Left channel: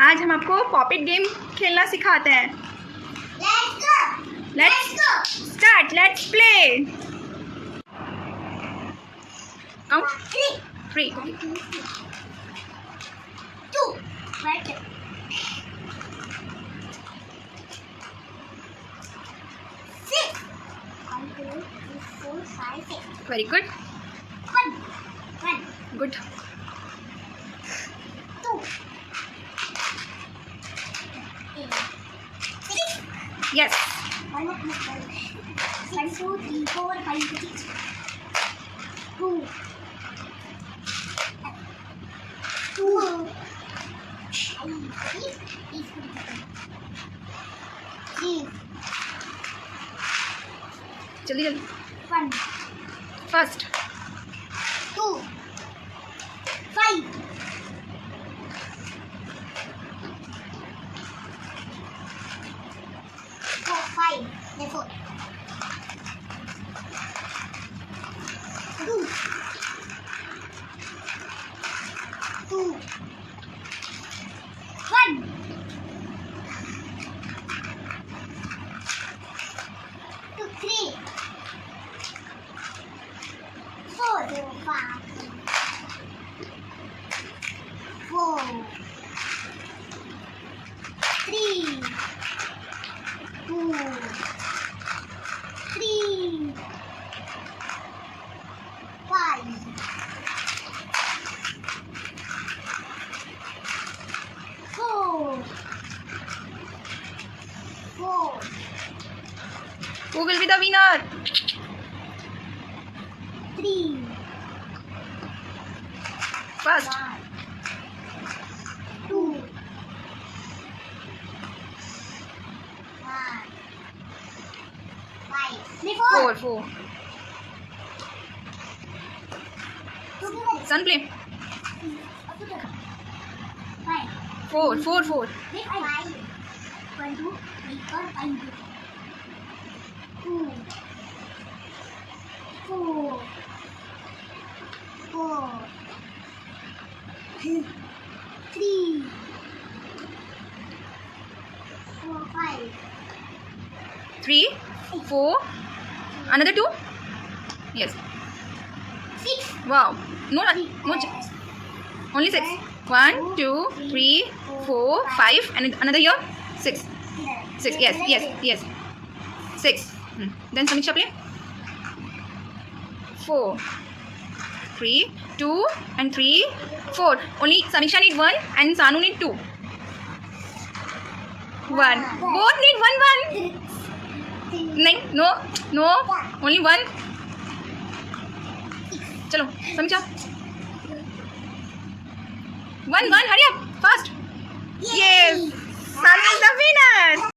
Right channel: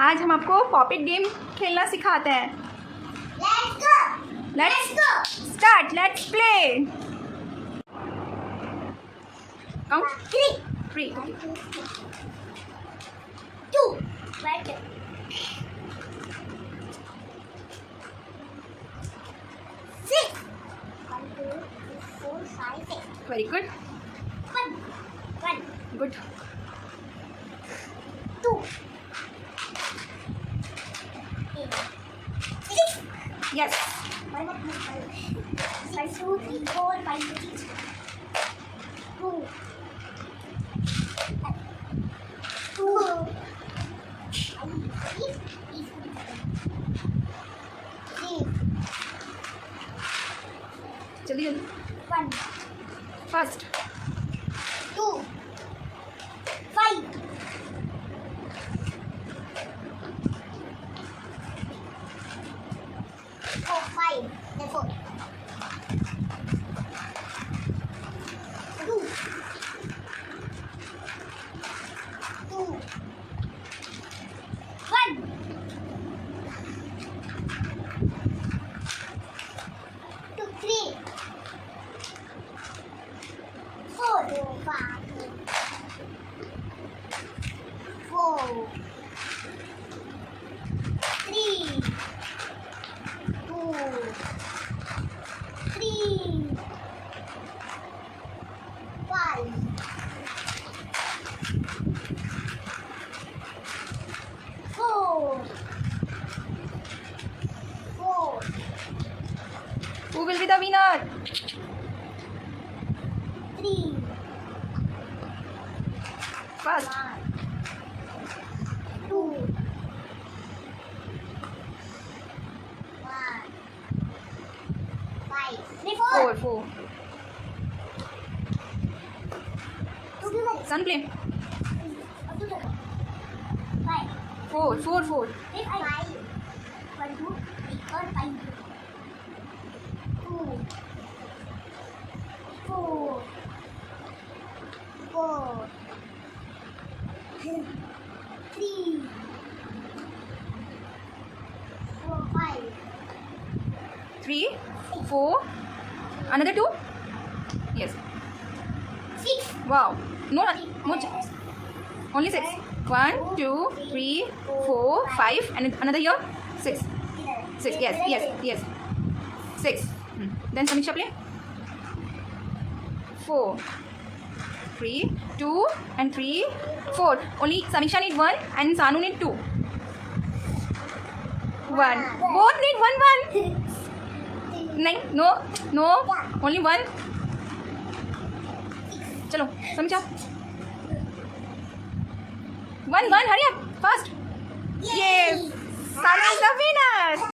आज हम आपको पॉपिट गेम खेलना सिखाते हैं। Let's start. Let's play. Count. Three. Okay. 2. Right. 6. 1, 2, 3, 4, 5, 6. Very good. 1. Good. 2. 6. Yes. 1, 2, 3, 4, 5, 6. 2. 2. 3. जल्दी जल्दी। 1. First. 2. 5. 4, 5. Then 4. 2. 2. 1. 2, 3. 4. 5. 4. 3. 2. 3. 5. 4. 4. Who will be the winner? 3. First. 2. 1. 5. 4. 4. Sun play. 5. 4. 1, 2, 3, 4, 5. 2. 4. 4. 3. 4, 5. 3, 4. Another 2. Yes. 6. Wow. No. Only 6. 1, 2, 3, 4, 5, and another here 6. 6. Yes. 6. Then Samiksha play. 4. 3, 2, and 3, 4. Only Samiksha need 1 and Sanu need 2. 1. Both need 1. No. Only 1. Chalo, Samiksha. 1. Hurry up. Fast. Yes. Sanu is the winner.